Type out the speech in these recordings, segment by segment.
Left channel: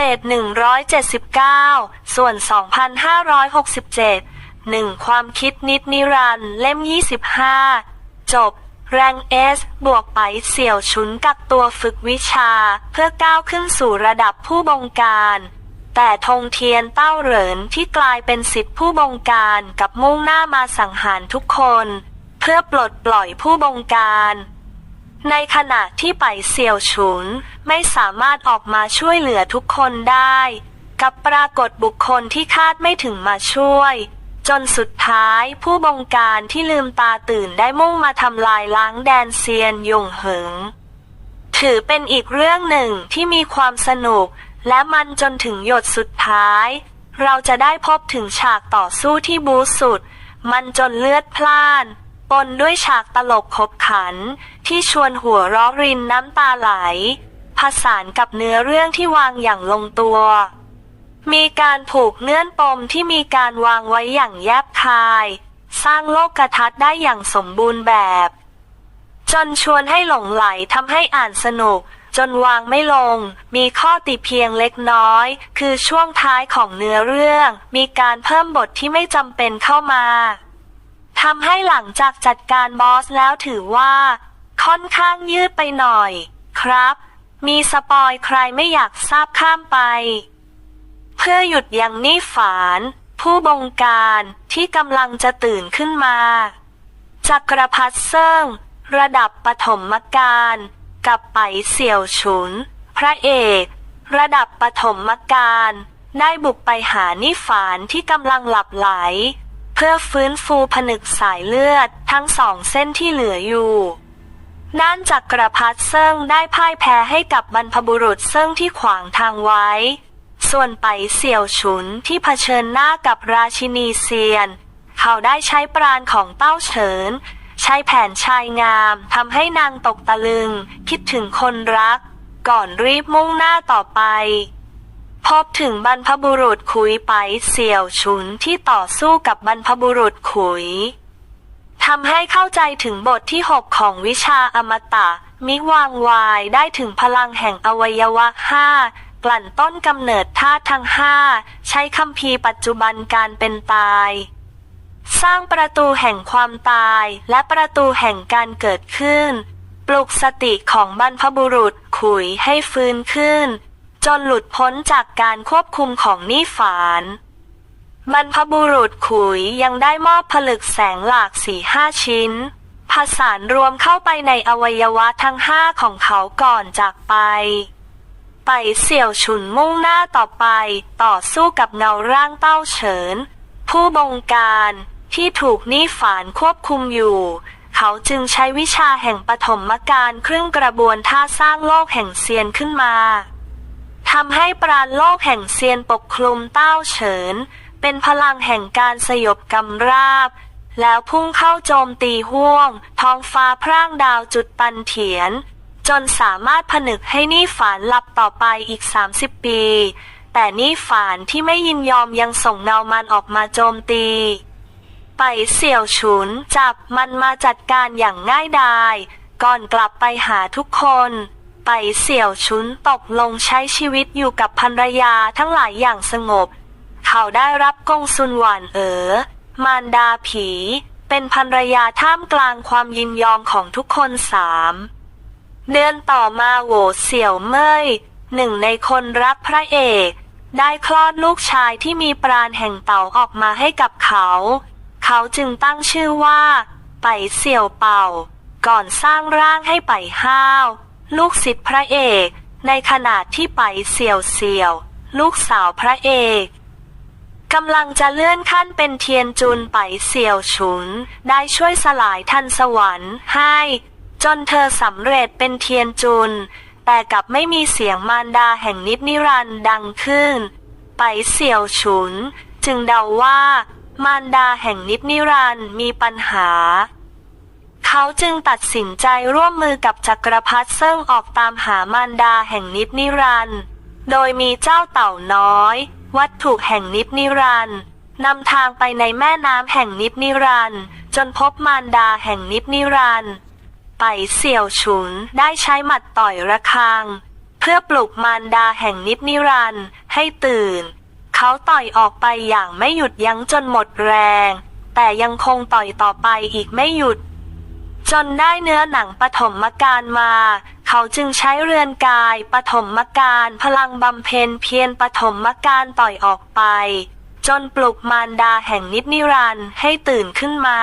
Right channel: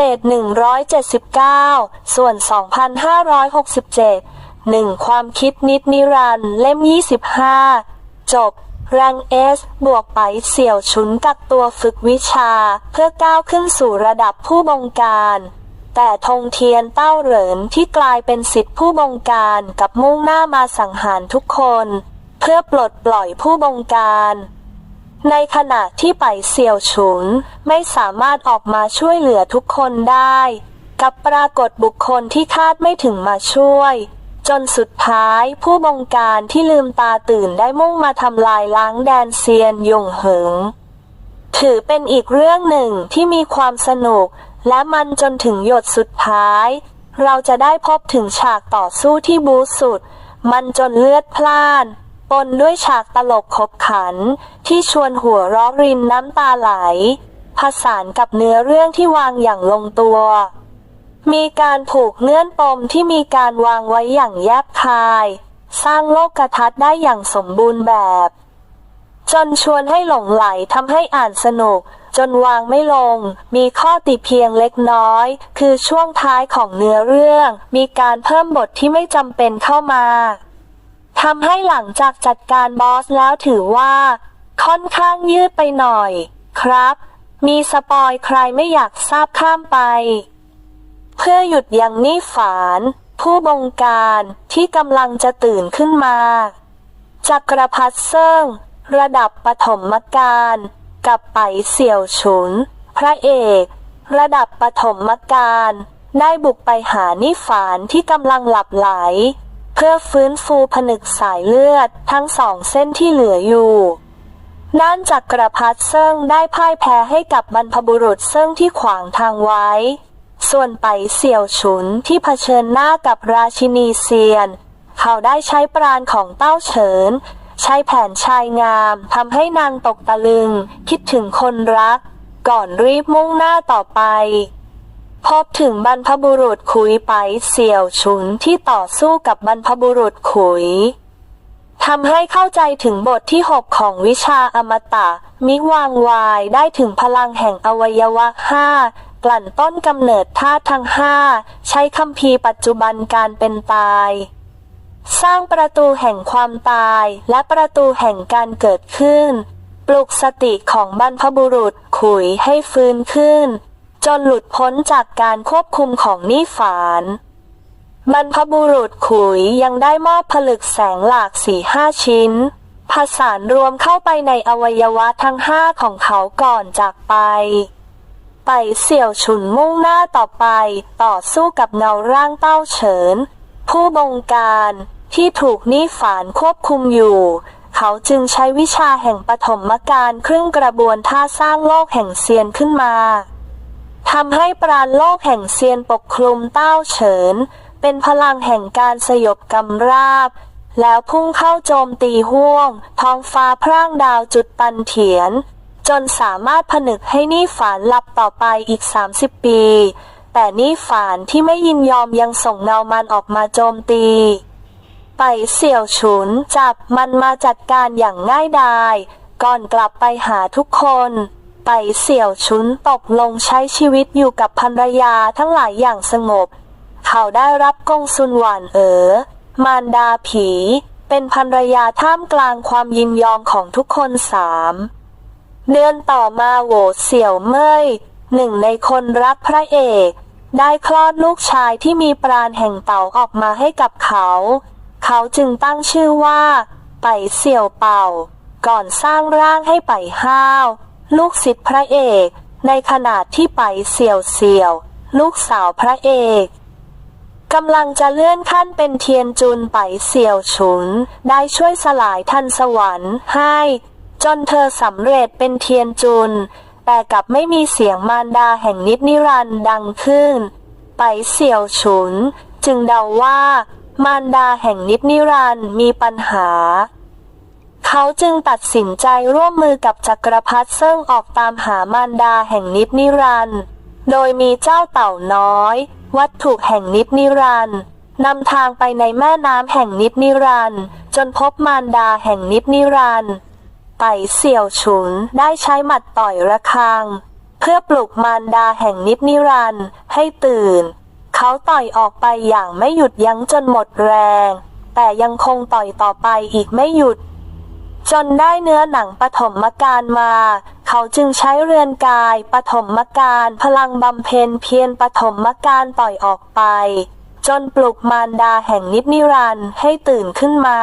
เศษ 179 ส่วน 2,567 1 ความคิดนิดนิรันเล่ม 25 จบ แรงเอสบวกไปเสี่ยวฉุนกักตัวฝึกวิชา เพื่อก้าวขึ้นสู่ระดับผู้บงการ แต่ธงเทียนเต้าเหรินที่กลายเป็นสิทธิผู้บงการกับมุ่งหน้ามาสังหารทุกคน เพื่อปลดปล่อยผู้บงการ ในขณะที่ไปเสี่ยวฉุน ไม่สามารถออกมาช่วยเหลือทุกคนได้ กับปรากฏบุคคลที่คาดไม่ถึงมาช่วย จนสุดท้ายผู้บงการที่ลืมตาตื่นได้มุ่งมาทำลายล้างแดนเซียนยงเหิง ถือเป็นอีกเรื่องหนึ่งที่มีความสนุก และมันจนถึงหยดสุดท้าย เราจะได้พบถึงฉากต่อสู้ที่บูสุด มันจนเลือดพล่าน ปนด้วยฉากตลกขบขัน ที่ชวนหัวร้อรินน้ำตาไหล ผสานกับเนื้อเรื่องที่วางอย่างลงตัว มีการผูกเงื่อนปมที่มีการวางไว้อย่างแยบคาย สร้างโลกทัศน์ได้อย่างสมบูรณ์แบบ จนชวนให้หลงไหลทำให้อ่านสนุก จนวางไม่ลง มีข้อติเพียงเล็กน้อย คือช่วงท้ายของเนื้อเรื่อง มีการเพิ่มบทที่ไม่จำเป็นเข้ามา ทำให้หลังจากจัดการบอสแล้วถือว่า ค่อนข้างยืดไปหน่อย ครับ มีสปอยใครไม่อยากทราบข้ามไป เพื่อหยุดยังนี่ฝาน ผู้บงการที่กำลังจะตื่นขึ้นมาจักรพรรดิเซิ่ง ระดับปฐมการกับไปเสี่ยวฉุน พระเอก ระดับปฐมการได้บุกไปหานิฝานที่กำลังหลับไหล พื่อฟื้นฟูผนึกสายเลือดทั้งสองเส้นที่เหลืออยู่ด้านจักรพรรดิเซิ่งได้พ่ายแพ้ให้กับบรรพบุรุษเซิ่งที่ขวางทางไว้ ส่วนไปเสี่ยวฉุนที่เผชิญหน้ากับราชินีเซียน เขาได้ใช้ปราณของเต้าเฉิน ใช้แผนชายงามทำให้นางตกตะลึง คิดถึงคนรัก ก่อนรีบมุ่งหน้าต่อไป พบถึงบรรพบุรุษขุยไปเสี่ยวฉุนที่ต่อสู้กับบรรพบุรุษขุยทำให้เข้าใจถึงบทที่6ของวิชาอมตะ มิวางวายได้ถึงพลังแห่งอวัยวะห้ากลั่นต้นกำเนิดธาตุทั้งห้าใช้คัมภีปัจจุบันการเป็นตาย สร้างประตูแห่งความตายและประตูแห่งการเกิดขึ้น ปลุกสติของบรรพบุรุษขุยให้ฟื้นขึ้น จนหลุดพ้นจากการควบคุมของนิฝานบรรพบุรุษขุยยังได้มอบผลึกแสงหลากสี่ห้าชิ้น ผสานรวมเข้าไปในอวัยวะทั้งห้าของเขาก่อนจากไป ไปเสี่ยวฉุนมุ่งหน้าต่อไปต่อสู้กับเงาร่างเต้าเฉิน ผู้บงการที่ถูกนิฝานควบคุมอยู่ เขาจึงใช้วิชาแห่งปฐมการเครื่องกระบวนท่าสร้างโลกแห่งเซียนขึ้นมา ทำให้ปราณโลกแห่งเซียนปกคลุมเต้าเฉิน เป็นพลังแห่งการสยบกำราบ แล้วพุ่งเข้าโจมตีห่วง ท้องฟ้าพร่างดาวจุดปันเถียน จนสามารถผนึกให้นี่ฝานหลับต่อไปอีก 30 ปี แต่นี่ฝานที่ไม่ยินยอมยังส่งเงามันออกมาโจมตี ไปเสี่ยวฉุนจับมันมาจัดการอย่างง่ายดาย ก่อนกลับไปหาทุกคน ไปเสี่ยวฉุนตกลงใช้ชีวิตอยู่กับภรรยาทั้งหลายอย่างสงบ เขาได้รับกงซุนหวานเอ๋อมารดาผี เป็นภรรยาท่ามกลางความยินยอมของทุกคนสามเดือนต่อมาโหวเสี่ยวเม่ยหนึ่งในคนรักพระเอก ได้คลอดลูกชายที่มีปราณแห่งเต่าออกมาให้กับเขา เขาจึงตั้งชื่อว่า ไปเสี่ยวเป่า ก่อนสร้างร่างให้ไปห้าว ลูกศิษย์พระเอก ในขณะที่ไปเสี่ยวเสี่ยว ลูกสาวพระเอกกำลังจะเลื่อนขั้นเป็นเทียนจุนไปเสี่ยวฉุน ได้ช่วยสลายทันสวรรค์ให้ จนเธอสำเร็จเป็นเทียนจุน แต่กลับไม่มีเสียงมารดาแห่งนิจนิรันดังขึ้น ไปเสี่ยวฉุน จึงเดาว่า มารดาแห่งนิจนิรันมีปัญหา เขาจึงตัดสินใจร่วมมือกับจักรพรรดิเซิ่งออกตามหามารดาแห่งนิจนิรันด์โดยมีเจ้าเต่าน้อย วัตถุแห่งนิจนิรันด์นำทางไปในแม่น้ำแห่งนิจนิรันด์จนพบมารดาแห่งนิจนิรันด์ไปเสี่ยวฉุนได้ใช้หมัดต่อยระฆัง เพื่อปลุกมารดาแห่งนิจนิรันด์ให้ตื่น เขาต่อยออกไปอย่างไม่หยุดยั้งจนหมดแรง แต่ยังคงต่อยต่อไปอีกไม่หยุด จนได้เนื้อหนังปฐมการมา เขาจึงใช้เรือนกายปฐมการพลังบำเพ็ญเพียรปฐมการต่อยออกไป จนปลุกมารดาแห่งนิจนิรันดร์ให้ตื่นขึ้นมา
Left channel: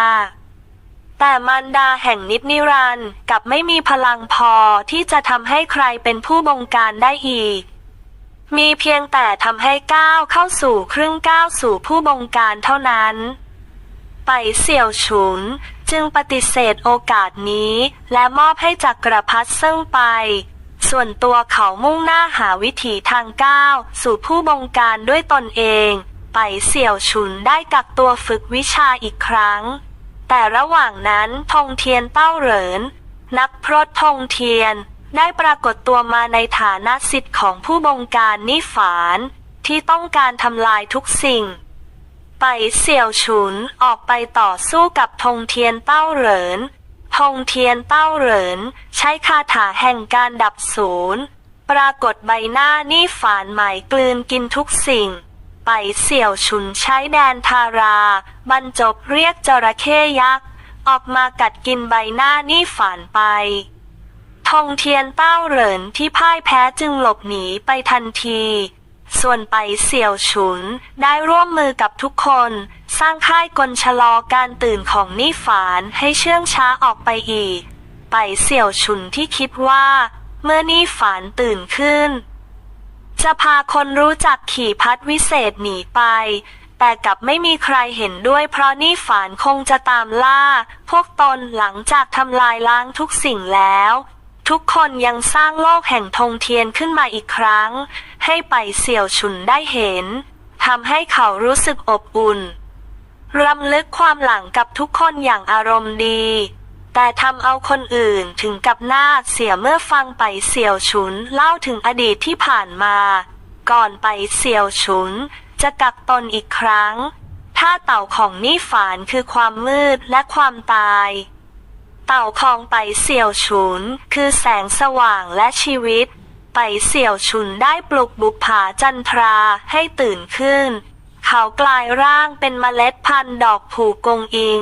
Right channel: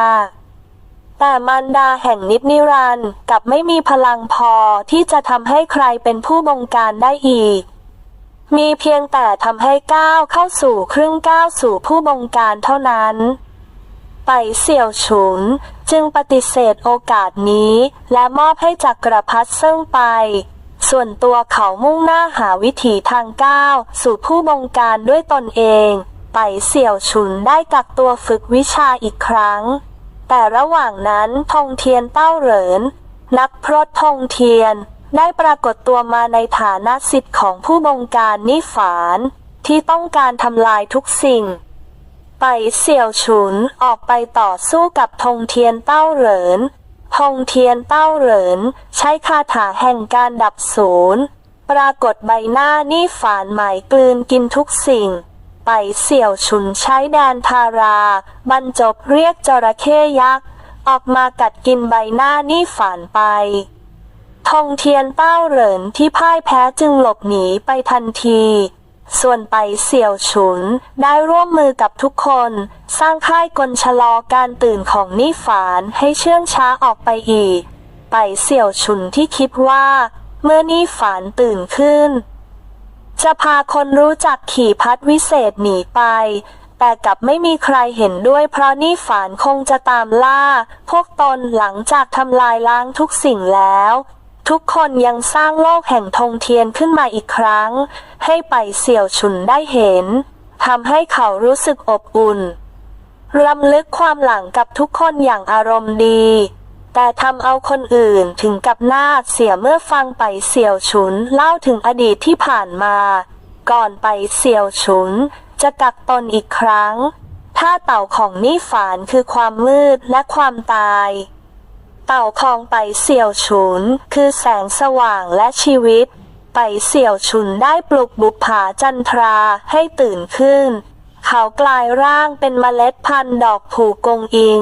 แต่มารดาแห่งนิจนิรันดร์กลับไม่มีพลังพอที่จะทำให้ใครเป็นผู้บงการได้อีก มีเพียงแต่ทำให้ก้าวเข้าสู่ครึ่งก้าวสู่ผู้บงการเท่านั้น ไปเสี่ยวฉุน จึงปฏิเสธโอกาสนี้ และมอบให้จักรพรรดิซิ่งไป ส่วนตัวเขามุ่งหน้าหาวิถีทางก้าว สู่ผู้บงการด้วยตนเอง ไปเสี่ยวฉุนได้กักตัวฝึกวิชาอีกครั้ง แต่ระหว่างนั้นธงเทียนเต้าเหริน นักพรตธงเทียนได้ปรากฏตัวมาในฐานะสิทธิ์ของผู้บงการนิฝาน ที่ต้องการทำลายทุกสิ่ง ไปเสี่ยวฉุนออกไปต่อสู้กับธงเทียนเต้าเหรินธงเทียนเต้าเหรินใช้คาถาแห่งการดับศูนย์ปรากฏใบหน้านี่ฝานหมายกลืนกินทุกสิ่ง ไปเสี่ยวฉุนใช้แดนทารา บรรจบเรียกจระเข้ยักษ์ ออกมากัดกินใบหน้านี่ฝานไปธงเทียนเต้าเหรินที่พ่ายแพ้จึงหลบหนีไปทันที ส่วนไปเสี่ยวฉุน ได้ร่วมมือกับทุกคน สร้างค่ายกลชะลอการตื่นของนี่ฝานให้เชื่องช้าออกไปอีก ไปเสี่ยวฉุนที่คิดว่า เมื่อนี่ฝานตื่นขึ้น จะพาคนรู้จักขี่พัดวิเศษหนีไป แต่กลับไม่มีใครเห็นด้วยเพราะนี่ฝานคงจะตามล่า พวกตนหลังจากทำลายล้างทุกสิ่งแล้ว ทุกคนยังสร้างโลกแห่งธงเทียนขึ้นมาอีกครั้งให้ไปเสี่ยวฉุนได้เห็นทำให้เขารู้สึกอบอุ่นรำลึกความหลังกับทุกคนอย่างอารมณ์ดี แต่ทำเอาคนอื่นถึงกับหน้าเสียเมื่อฟังไปเสี่ยวฉุนเล่าถึงอดีตที่ผ่านมา ก่อนไปเสี่ยวฉุน จะกักตนอีกครั้งท่าเต่าของนี่ฝานคือความมืดและความตาย เต่าคองไปเสี่ยวฉุน คือแสงสว่างและชีวิต ไปเสี่ยวฉุนได้ปลุกบุปผาจันทราให้ตื่นขึ้น เขากลายร่างเป็นเมล็ดพันธุ์ดอกผูกงอิง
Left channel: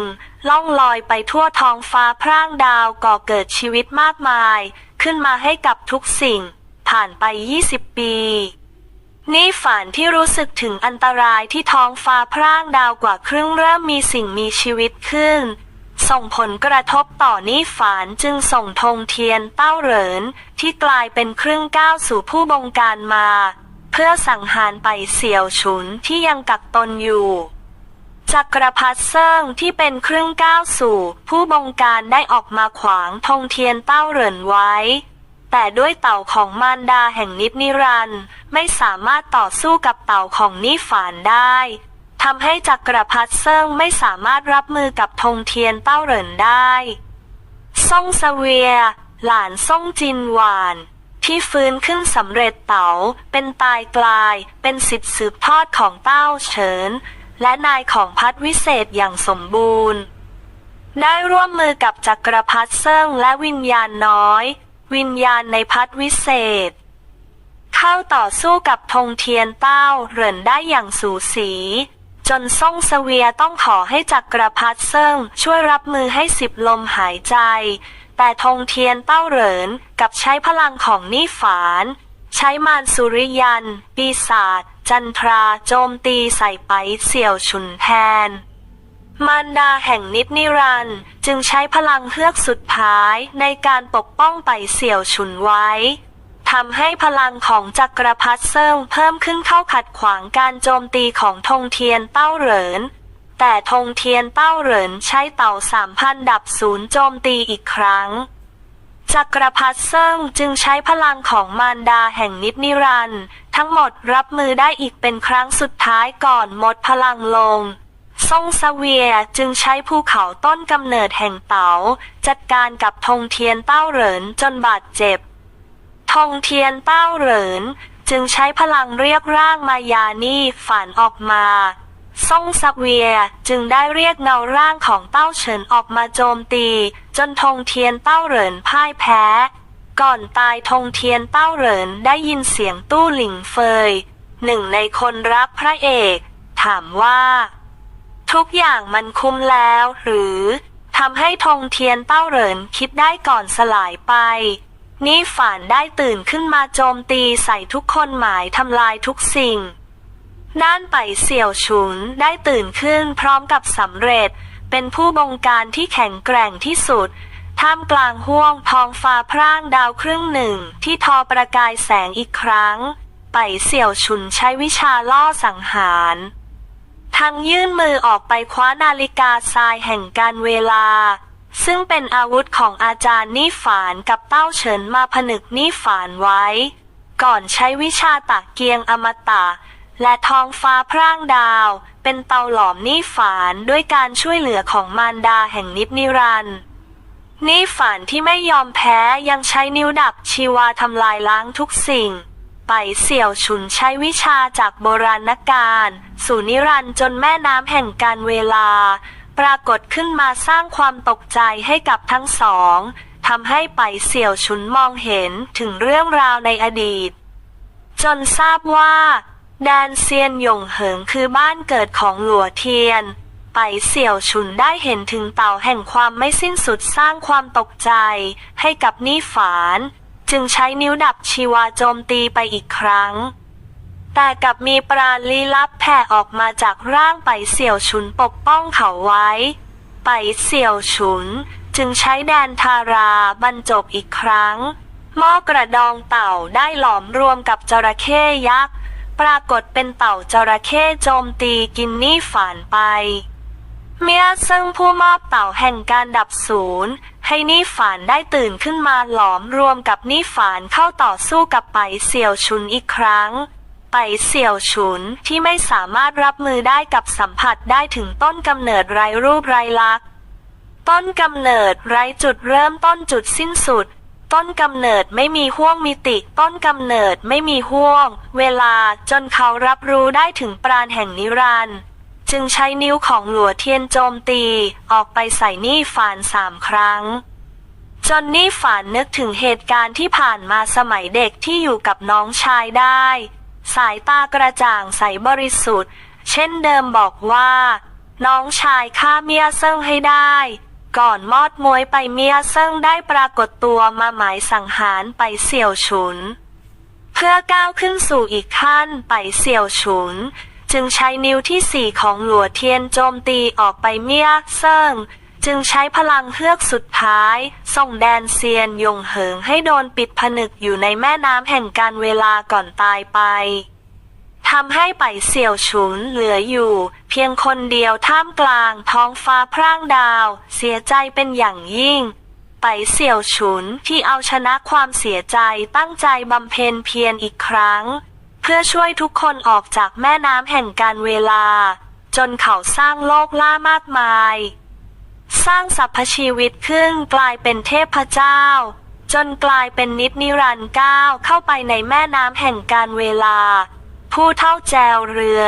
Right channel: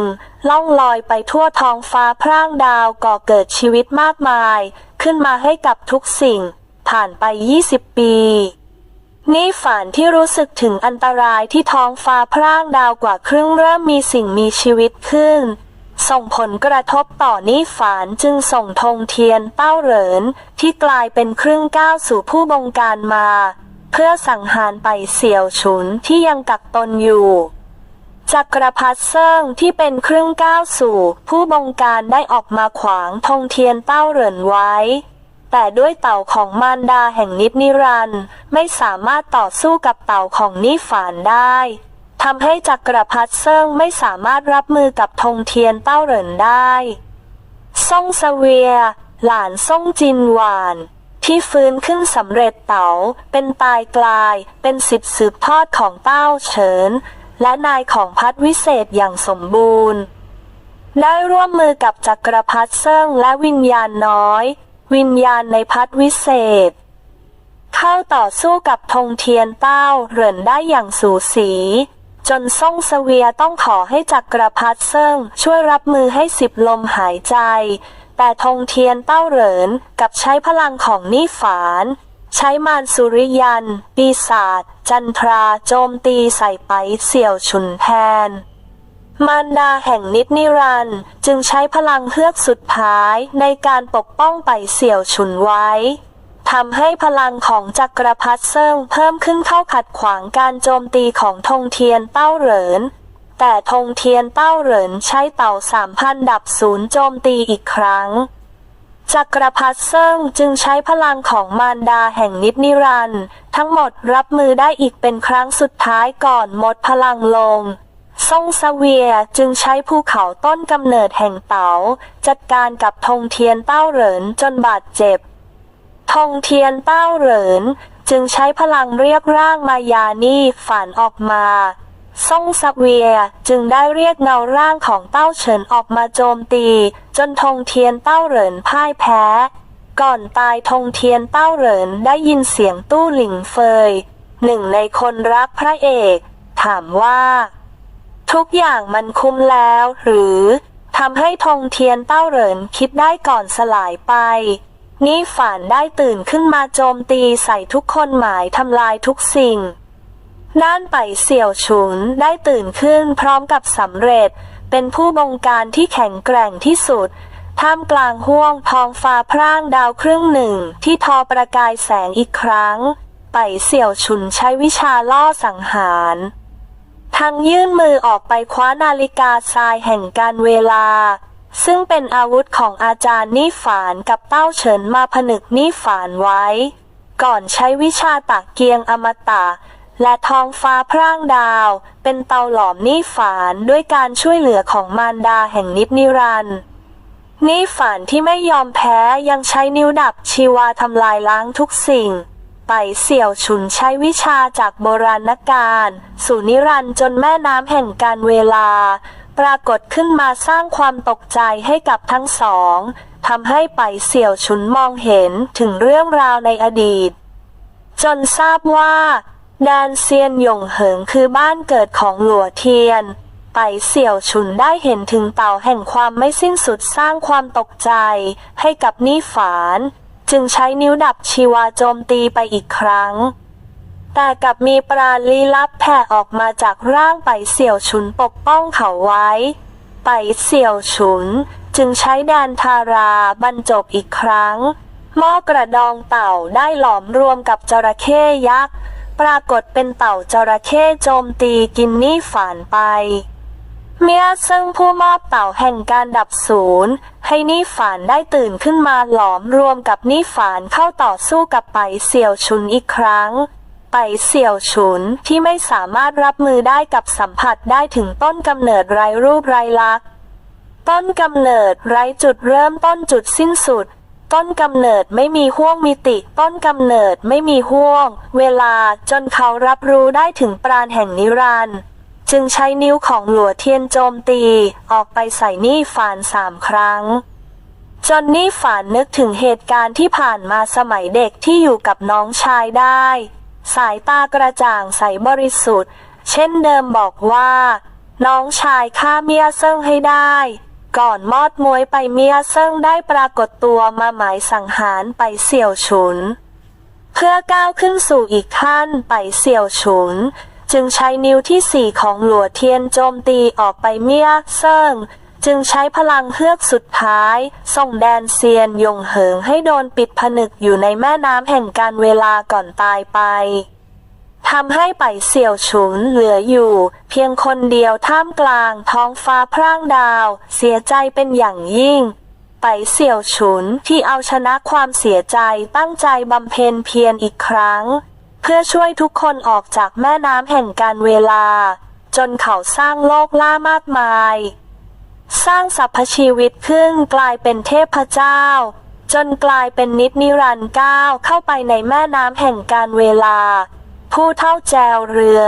ล่องลอยไปทั่วท้องฟ้าพร่างดาวก่อเกิดชีวิตมากมาย ขึ้นมาให้กับทุกสิ่ง ผ่านไป 20 ปี นี่ฝันที่รู้สึกถึงอันตรายที่ท้องฟ้าพร่างดาวกว่าครึ่งเริ่มมีสิ่งมีชีวิตขึ้น ส่งผลกระทบต่อนิฝานจึงส่งธงเทียนเต้าเหรินที่กลายเป็นเครึ่องก้าวสู่ผู้บงการมา เพื่อสังหารไปเสี่ยวฉุนที่ยังกักตนอยู่จักรพรรดิเซิ่งที่เป็นเครึ่องก้าวสู่ ผู้บงการได้ออกมาขวางธงเทียนเต้าเหรินไว้ แต่ด้วยเต่าของมารดาแห่งนิจนิรันต์ไม่สามารถต่อสู้กับเต่าของนิฝานได้ ทำให้จักรพรรดิเซิ่งไม่สามารถรับมือกับธงเทียนเต้าเหรินได้ซ่งเสเวีย หลานซ่งจินหวาน ที่ฟื้นขึ้นสำเร็จเต๋าเป็นตายกลายเป็นสิทธิสืบทอดของเต้าเฉิน และนายของพัดวิเศษอย่างสมบูรณ์ ได้ร่วมมือกับจักรพรรดิเซิ่งและวิญญาณน้อย วิญญาณในพัดวิเศษ เข้าต่อสู้กับธงเทียนเต้าเหรินได้อย่างสูสี จนซ่งเสเวียต้องขอให้จักรพรรดิเซิ่งช่วยรับมือให้สิบลมหายใจ แต่ธงเทียนเต้าเหรินกับใช้พลังของนี่ฝาน ใช้มารสุริยันปีศาจจันทราโจมตีใส่ไปเสี่ยวฉุนแทน มารดาแห่งนิจนิรันจึงใช้พลังเฮือกสุดท้ายในการปกป้องไปเสี่ยวฉุนไว้ ทำให้พลังของจักรพรรดิเซิงเพิ่มขึ้นเข้าขัดขวางการโจมตีของธงเทียนเต้าเหริน แต่ธงเทียนเต้าเหรินใช้เต่าสามพันดับศูนย์โจมตีอีกครั้ง จักรพรรดิเซิงจึงใช้พลังของมารดาแห่งนิจนิรันด์ทั้งหมดรับมือได้อีกเป็นครั้งสุดท้ายก่อนหมดพลังลงซ่งซาเวียจึงใช้ภูเขาต้นกำเนิดแห่งเต๋าจัดการกับธงเทียนเต้าเหรินจนบาดเจ็บ ธงเทียนเต้าเหริน จึงใช้พลังเรียกร่างมายานี่ฝันออกมาซ่งซักเวียจึงได้เรียกเงาร่างของเต้าเฉินออกมาโจมตี จนธงเทียนเต้าเหรินพ่ายแพ้ ก่อนตายทงเทียนเต้าเหรินได้ยินเสียงตู้หลิงเฟย หนึ่งในคนรักพระเอก ถามว่า ทุกอย่างมันคุ้มแล้วหรือทำให้ทงเทียนเต้าเหรินคิดได้ก่อนสลายไป นี่ฝันได้ตื่นขึ้นมาโจมตีใส่ทุกคนหมายทำลายทุกสิ่งน่านไปเสี่ยวฉุนได้ตื่นขึ้นพร้อมกับสำเร็จ เป็นผู้บงการที่แข็งแกร่งที่สุด ท่ามกลางห้วงทองฟ้าพร่างดาวครึ่งหนึ่งที่ทอประกายแสงอีกครั้ง ไปเสี่ยวฉุนใช้วิชาล่อสังหารทั้งยื่นมือออกไปคว้านาฬิกาทรายแห่งการเวลา ซึ่งเป็นอาวุธของอาจารย์นี่ฝานกับเต้าเฉินมาผนึกนี่ฝานไว้ ก่อนใช้วิชาตักเกียงอมตะ และทองฟ้าพร่างดาว เป็นเตาหลอมนี่ฝานด้วยการช่วยเหลือของมารดาแห่งนิจนิรันดร์นี่ฝานที่ไม่ยอมแพ้ยังใช้นิ้วดับชีวาทำลายล้างทุกสิ่งไปเสี่ยวฉุนใช้วิชาจากโบราณกาลสู่นิรันดร์จนแม่น้ำแห่งการเวลา ปรากฏขึ้นมาสร้างความตกใจให้กับทั้งสองทำให้ไปเสี่ยวฉุนมองเห็นถึงเรื่องราวในอดีต จนทราบว่าแดนเซียนหยงเหิงคือบ้านเกิดของหลัวเทียน ไปเสี่ยวฉุนได้เห็นถึงเต่าแห่งความไม่สิ้นสุดสร้างความตกใจให้กับนี่ฝาน จึงใช้นิ้วดับชีวาโจมตีไปอีกครั้ง แต่กลับมีปราณลี้ลับแผ่ออกมาจากร่างไปเสี่ยวฉุนปกป้องเขาไว้ ไปเสี่ยวฉุน จึงใช้แดนทาราบรรจบอีกครั้ง หม้อกระดองเต่าได้หลอมรวมกับจระเข้ยักษ์ปรากฏเป็นเต่าจระเข้โจมตีกินนี่ฝานไป เมียซึ่งผู้มอบเต่าแห่งการดับศูนย์ให้นี่ฝานได้ตื่นขึ้นมาหลอมรวมกับนี่ฝานเข้าต่อสู้กับไปเสี่ยวฉุนอีกครั้ง ไปเสี่ยวฉุนที่ไม่สามารถรับมือได้กับสัมผัสได้ถึงต้นกำเนิดไรรูปไรลักษณ์ต้นกำเนิดไร้จุดเริ่มต้นจุดสิ้นสุด ต้นกำเนิดไม่มีห่วงมิติ ต้นกำเนิดไม่มีห่วง เวลาจนเขารับรู้ได้ถึงปราณแห่งนิรันดร์จึงใช้นิ้วของหลัวเทียนโจมตี ออกไปใส่นี่ฝานสามครั้ง จนนี่ฝานนึกถึงเหตุการณ์ที่ผ่านมาสมัยเด็กที่อยู่กับน้องชายได้ สายตากระจ่างใสบริสุทธิ์ เช่นเดิมบอกว่า น้องชายฆ่าเมียเซิ่งให้ได้ ก่อนมอดมวยไปเมียเซิ่งได้ปรากฏตัวมาหมายสังหารไปเสี่ยวฉุน เพื่อก้าวขึ้นสู่อีกขั้นไปเสี่ยวฉุน จึงใช้นิ้วที่สี่ของหลัวเทียนโจมตีออกไปเมียเซิ่ง จึงใช้พลังเฮือกสุดท้าย ส่งแดนเซียนยงเหิงให้โดนปิดผนึกอยู่ในแม่น้ำแห่งการเวลาก่อนตายไปทำให้ไปเสี่ยวฉุนเหลืออยู่ เพียงคนเดียวท่ามกลางท้องฟ้าพร่างดาว เสียใจเป็นอย่างยิ่ง ไปเสี่ยวฉุนที่เอาชนะความเสียใจตั้งใจบำเพ็ญเพียรอีกครั้ง เพื่อช่วยทุกคนออกจากแม่น้ำแห่งการเวลา จนเขาสร้างโลกล่ามากมาย สร้างสรรพชีวิตขึ้นกลายเป็นเทพเจ้า จนกลายเป็นนิจนิรันดร์ก้าวเข้าไปในแม่น้ำแห่งการเวลา ผู้เท่าแจวเรือ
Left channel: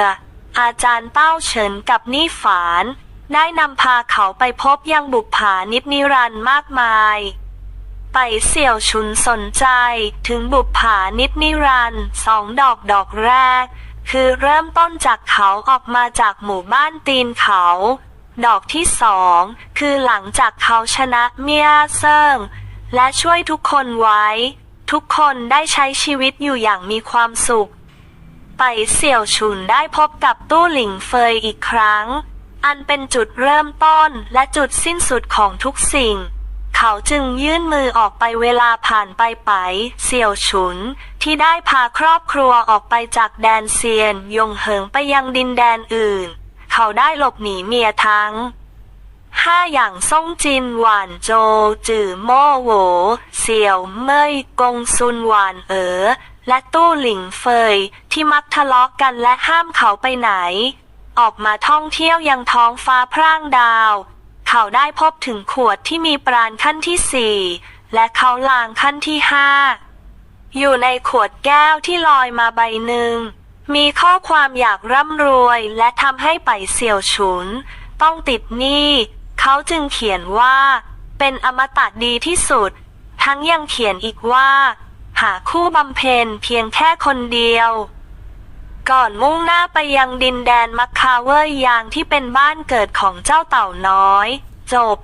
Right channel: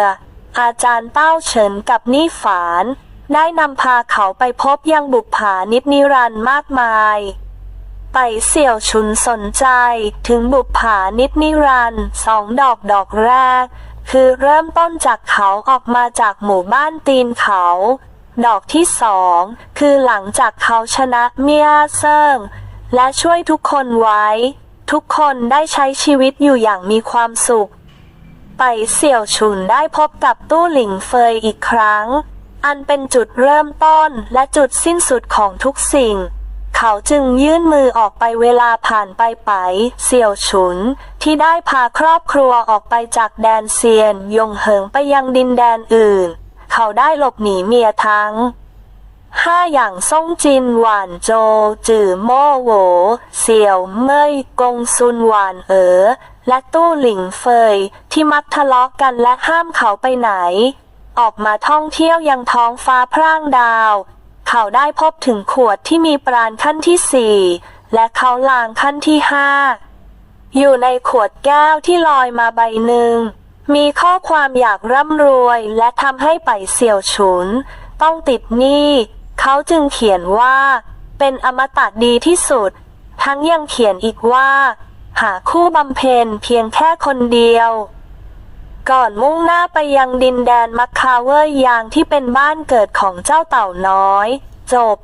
อาจารย์เต้าเฉินกับนี่ฝาน ได้นำพาเขาไปพบยังบุปผานิจนิรันดร์มากมายไปเสี่ยวฉุนสนใจถึงบุปผานิจนิรันดร์สองดอกดอกแรก คือเริ่มต้นจากเขาออกมาจากหมู่บ้านตีนเขา ดอกที่สองคือหลังจากเขาชนะเมียเซิงและช่วยทุกคนไว้ ทุกคนได้ใช้ชีวิตอยู่อย่างมีความสุข ไปเสี่ยวฉุนได้พบกับตู้หลิงเฟยอีกครั้ง อันเป็นจุดเริ่มต้นและจุดสิ้นสุดของทุกสิ่ง เขาจึงยื่นมือออกไปเวลาผ่านไปไป เสี่ยวฉุน ที่ได้พาครอบครัวออกไปจากแดนเซียนยงเหิงไปยังดินแดนอื่น เขาได้หลบหนีเมียทั้งห้าอย่างซ่งจินหวานโจ จื่อโม่โหวเสี่ยวเมยกงซุนหวานเอ๋อและตู้หลิงเฟยที่มักทะเลาะกันและห้ามเขาไปไหน ออกมาท่องเที่ยวยังท้องฟ้าพร่างดาว เขาได้พบถึงขวดที่มีปราณขั้นที่สี่และเขาลางขั้นที่ห้าอยู่ในขวดแก้วที่ลอยมาใบหนึ่ง มีข้อความอยากร่ำรวยและทำให้ไปเสี่ยวฉุน ต้องติดหนี้เขาจึงเขียนว่า เป็นอมตะดีที่สุด ทั้งยังเขียนอีกว่า หาคู่บำเพ็ญเพียงแค่คนเดียว ก่อนมุ่งหน้าไปยังดินแดนมัคคาเวอร์ยางที่เป็นบ้านเกิดของเจ้าเต่าน้อย จบ